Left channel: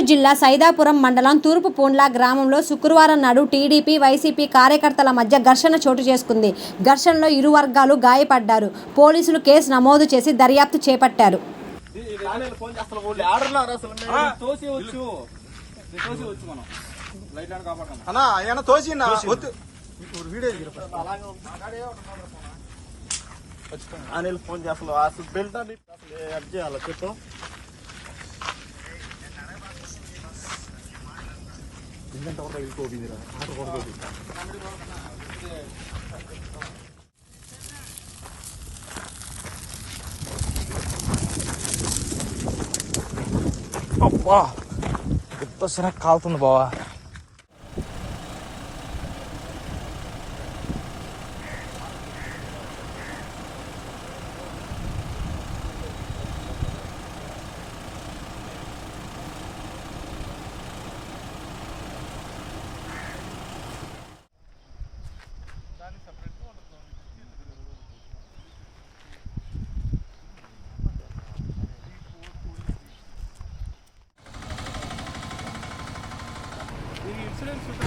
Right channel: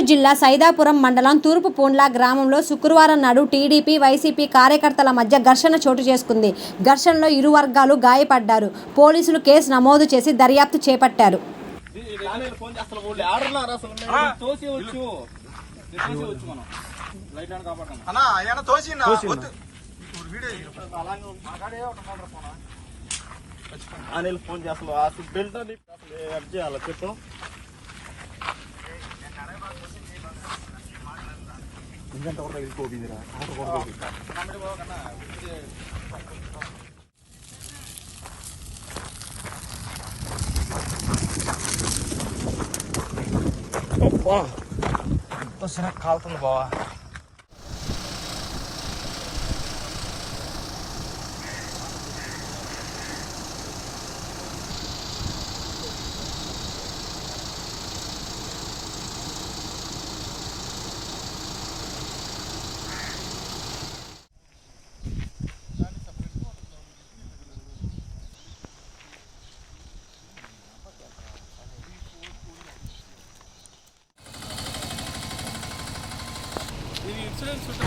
నెల్లూరు జిల్లా సైదాపురం మండలం తూర్పు పూండ్ల గ్రామంలో శుక్రవారం నాడు టీడీపీ, వైసీపీ కార్యకర్తల మధ్య ఘర్షణ చోటు చేసుకుంది. ఘర్షణలో ఇరు వర్గాలు గాయపడ్డారు. పోలీసులు కేసు నమోదు చేసి దర్యాప్తు చేపట్టారు. ఫోన్ చేయాలి చెప్పు. అబ్బా ఎంత కాలుతుంది బావా. ఇన్సూరెన్స్ ఉంటుంది.